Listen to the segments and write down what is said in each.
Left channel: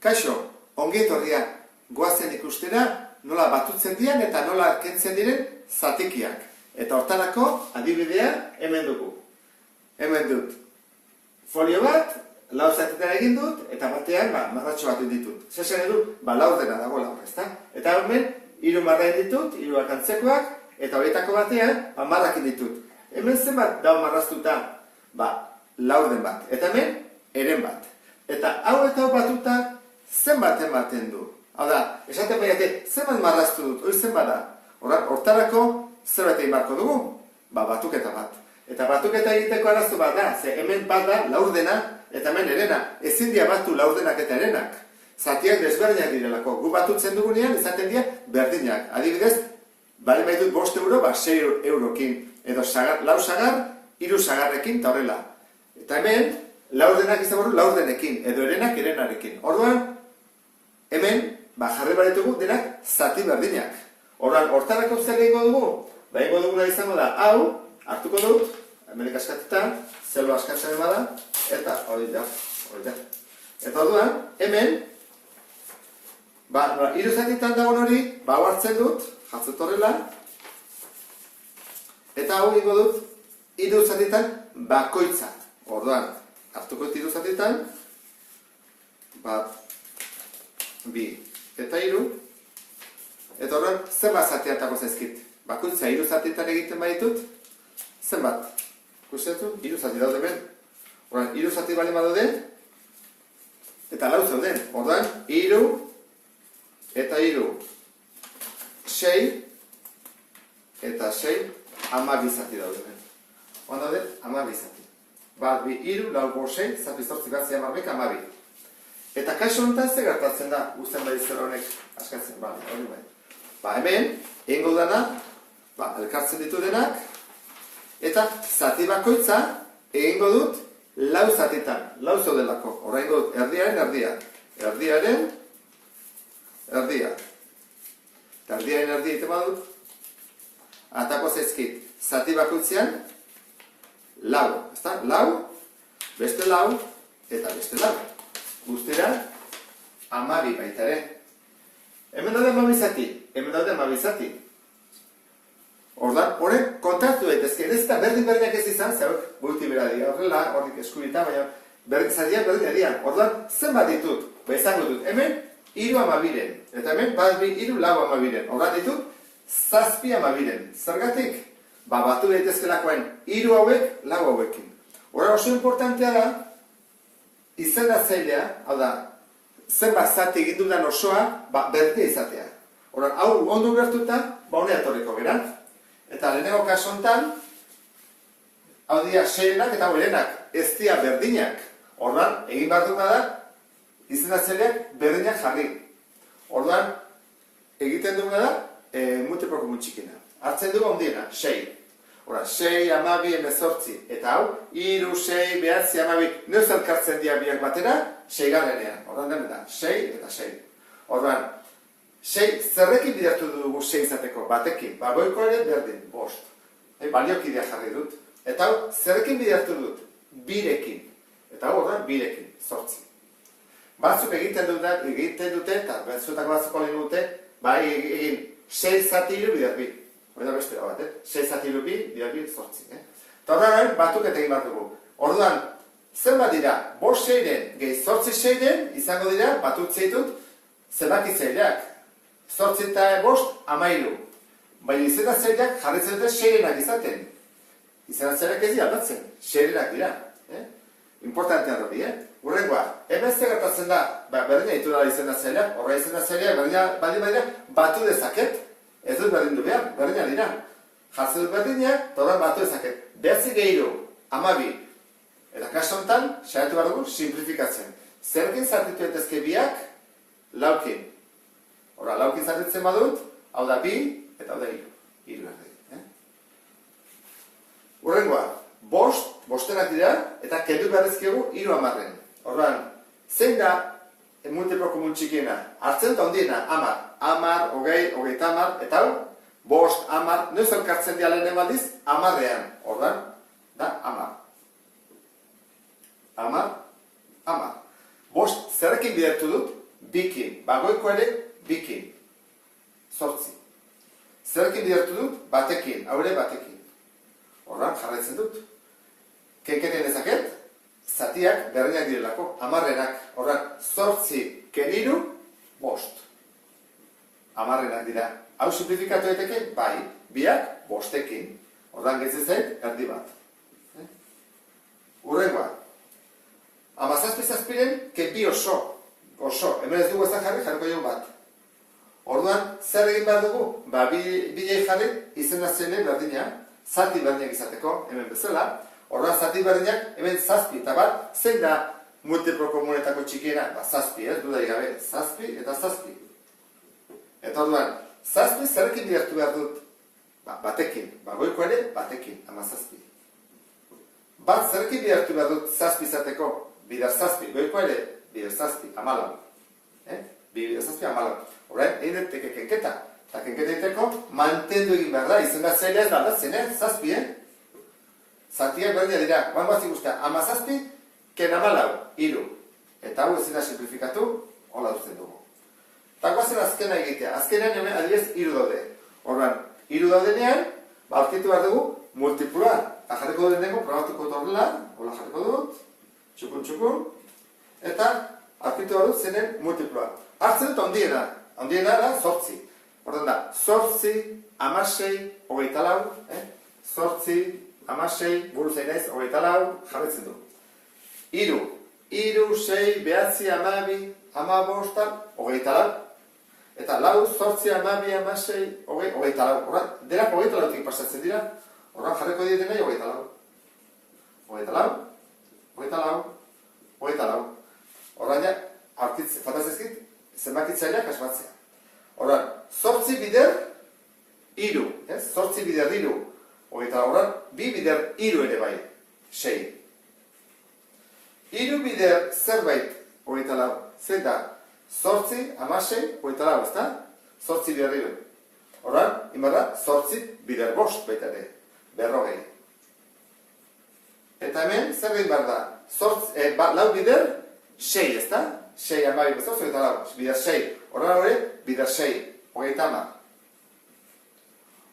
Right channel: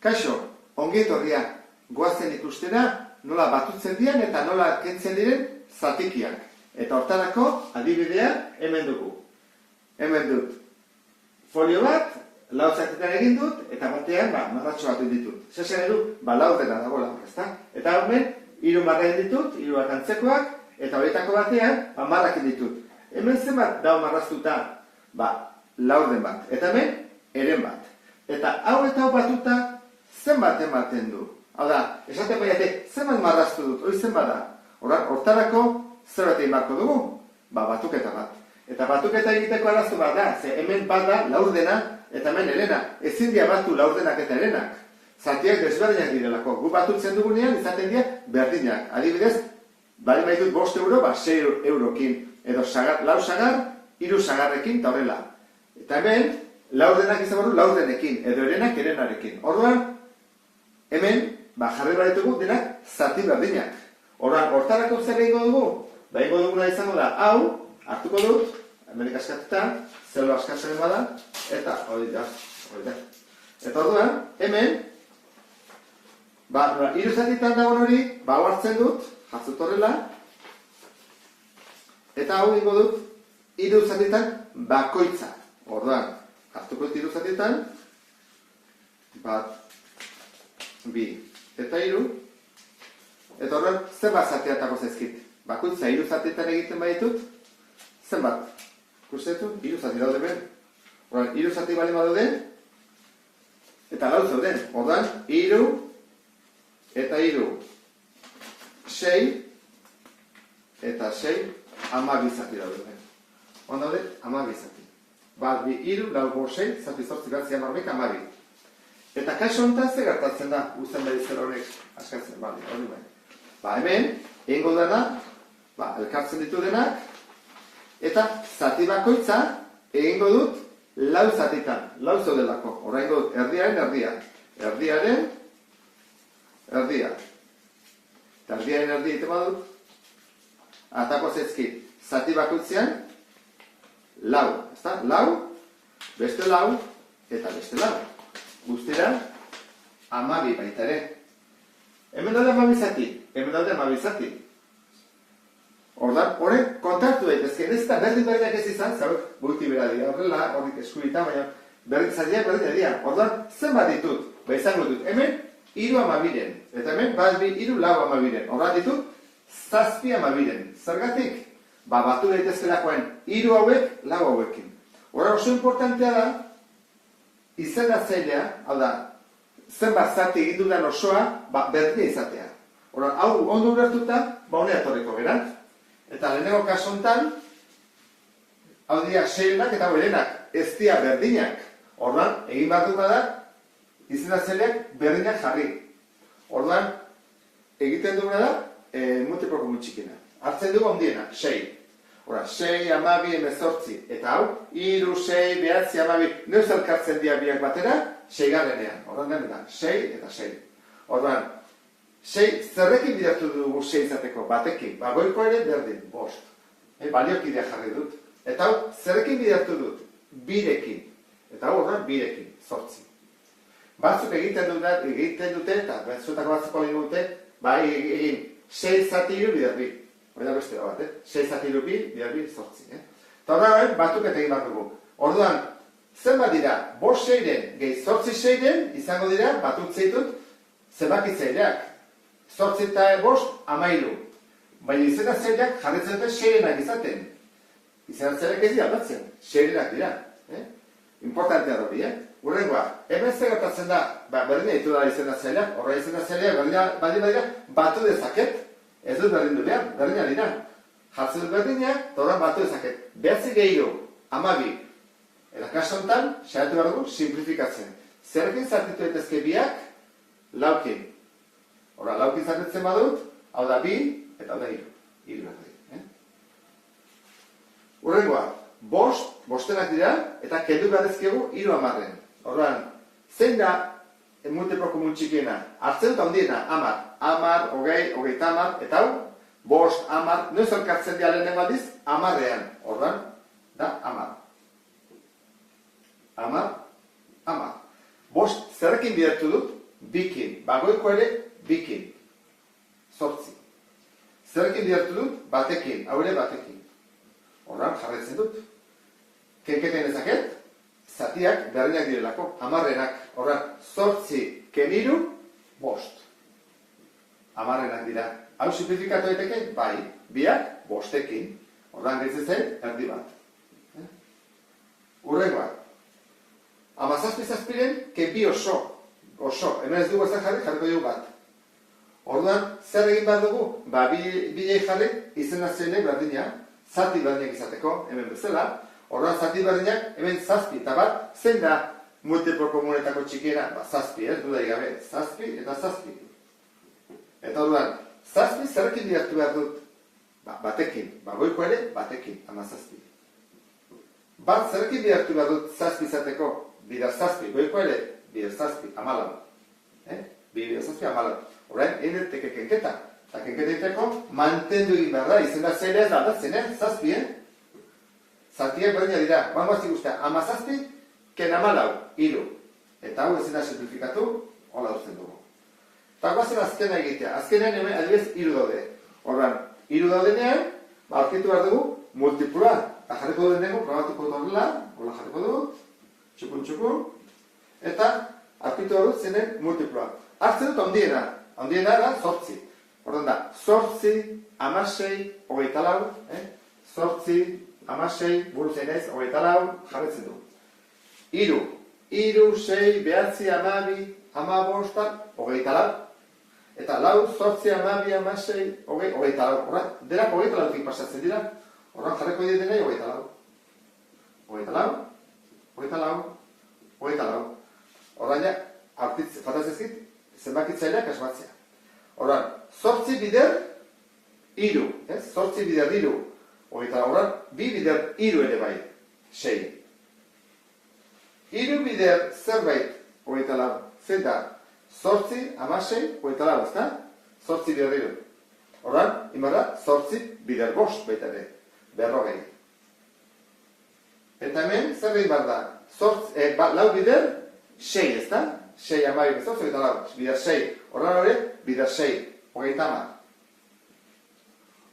Kaixo, ongi etorria, goazen ikustera nola batutzen diren eta nola kentzen diren zatikiak. Eta hortarako adibidea hemen dugu. Hemen dut folio bat, lau zatietan egin dut, eta batean marratxo bat ditut. Zesan edu, laurdena dago laur, ezta? Eta hemen, 3 marra ditut, 3 bat antzekoak, eta horietako batean, marrak ditut. Hemen zenbat dau marraztuta, laurden bat. Eta hemen, eren bat. Eta hau eta hau batuta, zenbat ematen du. Hau da, esaten baiate, zenbat marraztu dut, hori zenbat da. Hortarako, zerbait egin barko dugu? Batuketa bat. Eta batuketa egiteko arazo bat da, ze hemen bat da laurdena, eta hemen erena. Ezin dia batu laurdenak eta erenak. Zatiak desberdinak direlako. Gu batutzen dugunean, izaten dira berdinak. Adibidez, bali maitut 5 euro, 6 eurokin. Edo lau sagar, 3 sagarrekin, eta horrela. Eta hemen, laurdenak izan barru, laurdenekin. Edo erenak, erenarekin. Orduan, hemen, jarri baritugu, denak zati berdinak. Orduan, hortarako zer egingo dugu? Egingo duguna izango da, hau, hartuko dut, hemenik askatuta, zelo askatzen bada, eta hori da. Eta orduan, hemen, 3 zatitan dagoen hori, hau hartzen dut, jatzut horrela, eta hau egingo dut, 3 zatitan bakoitza. Orduan, hartuko dut 3 zatitan, 1, 2, eta 3, eta horren, zenbat zatiatako zaizkit. Bakoitza 3 zatitan egiten baditut, zenbat? Kustetu, 3 zati daude ben. Horren, 3 zati bali badaude, eta 4 zauden. Orduan, 3, eta 3, 6, eta 6, 12 zati daude ben. Hon daude, 12 zati. 1, 2, 3, 4, 5, 6, zati zortzi bat zian 12. Eta kaixo honetan ze gertatzen da, guztien bai zer honek askatzen, hori bai. Hemen, egingo dena, elkartzen ditu denak, eta zati bakoitza egingo dut 4 zatitan, 4 zaudelako. Horra egingo dut erdiaren erdia, erdiaren erdia. Eta erdiaren erdia egiten badut, atako zaizkit, zati bakoitzean 4, ezta? 4, beste 4, eta beste 4. Guztira, 12 baita ere. Hemen daude 12 zati, hemen daude 12 zati. Ordan, horren kontaktu daitezke, ez eta berdin-berdinak ez izan, zauek multibera dira, horrela, horrik eskubita, baina zatiak berdin dira. Ordan, zenbat ditut? Izango dut, hemen 3 12-en, eta hemen 2, 3, 4 12-en. Ordan ditut, 7 12-en. Zergatik? Batu daitezkelakoen 3 hauek, 4 hauekin. Horren oso importantea da, izendatzailea, hau da, zenbat zati egin dudan osoa, berdina izatea. Horren, hau ondo ulertuta, honea etorriko gera. Eta lehenengo kaso honetan, hau dira 6-enak eta 4-enak ez dira berdinak. Horren, egin behar dut bada, izendatzaileak berdinak jarri. Horren, egiten duguna da, multiplo komun txikina. Hartzen dugu ondiena, 6. Hora, 6, 12, 18, eta hau, 3, 6, 9, 12, neuz elkartzen dira biak batera, 6-garrenean. Horren den da, 6 eta 6. Horren, 6, zerrekin bidertu dugu 6 izateko, batekin, goiko ere berdin, 5. Baliokidea jarri dut. Eta hau, zerrekin bidertu dut, 2-rekin. Eta hau horren, 2-rekin, 8. Batzuk egiten dute, eta zuetako batzuko lehen dute, egin 6 zati 3 bider 2. Hori da beste bat, 6 zati 2, bider 2, 8. Eta horren, batuketa egin bat dugu. Orduan, zenbat dira, 5 6-en, gehi 8 6-en, izango dira, batut zeitut, zenbakitzaileak. 8 eta 5, 13. Baina izendatzaileak jarritzen dute 6-enak izaten. Izendatzaileak ez dira aldatzen, 6-enak dira. Importantea hori, Urrengoa, hemen zer gertatzen da, berdina ditu da izendatzaileak, horra izendatzaileak berdina batu dezaket, ez dut berdin du behar, berdina dira. Jartzen dut berdina, eta horren batu dezaket. 9 gehiru, 12. Eta kaso honetan, saiatu behar dugu, simplifikatzen. Zerrekin zartitu daitezke biak, 4kin. Horra, 4kin zartitzen badut, hau da 2, eta hau da 3. 3 behar. Urrengoa, 5 dira, eta kendu beharrezkegu 3 10-en. Horren, zein da multiplo komun txikiena? Hartzen dut handiena, 10. 10, 20, 30, eta hau, 5, 10, noiz elkartzen dira lehenen baldiz, 10-ean. Horren, da 10. 10, 10. 5, zerrekin bidertu dut? bikin. Bagoiko ere, bikin. Zortzi. Zerekin bidertu dut? Batekin. Hau ere batekin. Horran, jarraitzen dut. Kenketen ezaket, zatiak berdinak direlako. Hamarrenak. Horran, zortzi keniru, bost. Hamarrenak dira. Hau simplifikatu daiteke? Bai. Biak, bostekin. Horran, gehitzen zain, erdi bat. Urrengoa. Hamazazpi-zazpiren, kepi oso. Oso. Hemen ez dugu ezan jarriko dugu bat. Orduan, zer egin behar dugu? Bilei jarri izena zeile berdina, zati berdinak izateko, hemen bezala. Orduan, zati berdinak, hemen zazpi eta bat, zein da multiplo komunetako txikiera? Zazpi, dudai gabe, zazpi eta zazpi. Eta orduan, zazpi zerrekin bidertu behar dut? Batekin, goiko ere, batekin, hamazazpi. Bat zerrekin bidertu behar dut zazpi izateko? Bider zazpi, goiko ere, bider zazpi, amalau. Bider zazpi, amalau. Horrein, egin teke kenketa. Eta kenketa egiteko, mantendu egin behar da. Izena zaila ez da, aldatzen, zazpi, Zatiak berdina dira. Bangoazik guztia, hamazazpi, ken amalau, hiru. Eta hau ezin da simplifikatu, hola duzten dugu. Eta guazen azkena egitea. Azkenean hemen adibidez hiru daude. Horrein, hiru daudenean, aurkitu behar dugu, multiploa. Eta jarriko duen dugu, probatuko dut horrela, hola jarriko dut, txukun, eta aurkitu behar dut zenen multiploa. Hartzen dut ondiena. Ondiena da, zortzi. Horten da, zortzi, amasei, hogeita lau, zortzi, amasei, buruz enez, hogeita lau, jarretzen du. Hiru, sei, behatzi, amabi, amabosta, hogeita lau. Eta lau, zortzi, amabi, amasei, hogeita lau. Horren, denak hogeita lautik pasatzen dira. Horren, jarreko diren nahi, hogeita lau. Hogeita lau, hogeita lau, hogeita lau. Horren, ja, faltatzezkit, zenbakitzaileak asmatzea. Horren, zortzi bider, hiru. Zortzi bider, hiru. Hogeita horren, bi bider, hiru ere bai. Sei. Hiru bider zerbait, hogeita lau. Zer da, zortzi, amasei, hogeita lau, ez da? Zortzi bider, hiru. Horren, inbarra, zortzi bider bost baita ere. Berrogei. Eta hemen, zer egin behar da? Lau bider, sei, ez da? Sei amabi bezortzi, hogeita lau, bider sei. Horren hori, bider sei, hogeita hamar.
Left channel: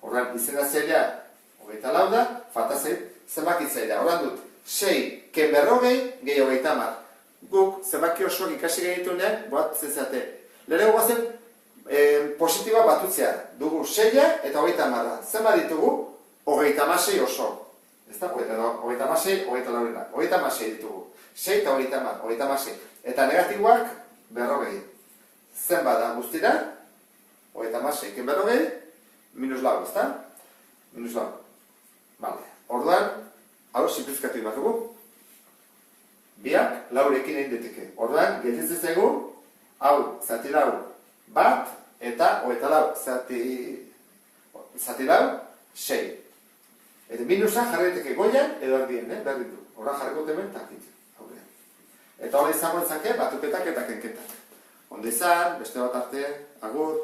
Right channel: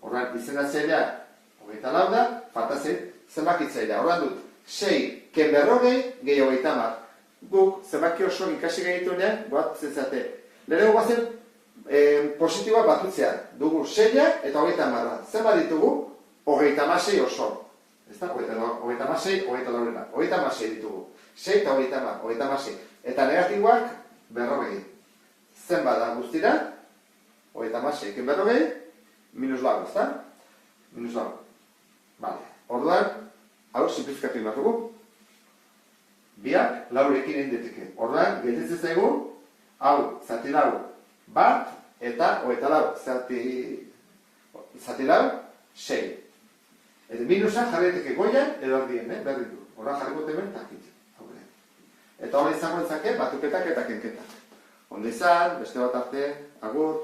Horren, izena zaila, hogeita lau da, falta zenbakitzailea. Horren dut, sei, ken berrogei, gehi hogeita hamar. Guk, zenbaki oso ikasi gehitunean, bat zezate. Lehenengo guazen, positiboa batutzea. Dugu seia eta hogeita hamarra. Zenbat ditugu, hogeita hamasei oso. Ez da, hogeita hamasei, hogeita laurena. Hogeita hamasei ditugu. Sei eta hogeita hamar, hogeita hamasei. Eta negatiboak, berrogei. Zenbat da guztira, hogeita hamasei, ken berrogei, minus lau, ez da? Minus lau. Vale. Orduan, hau simplifikatu behar dugu. Biak laurekin egin deteke. Orduan, gelditzen zaigu, hau, zati lau, bat, eta hogeita lau, zati lau, sei. Eta minusa jarri deteke goian, edo ardien, berri du. Orduan jarriko temen, takit. Eta hori izango ezake, batuketak eta kenketak. Ondo izan, beste bat arte, agur.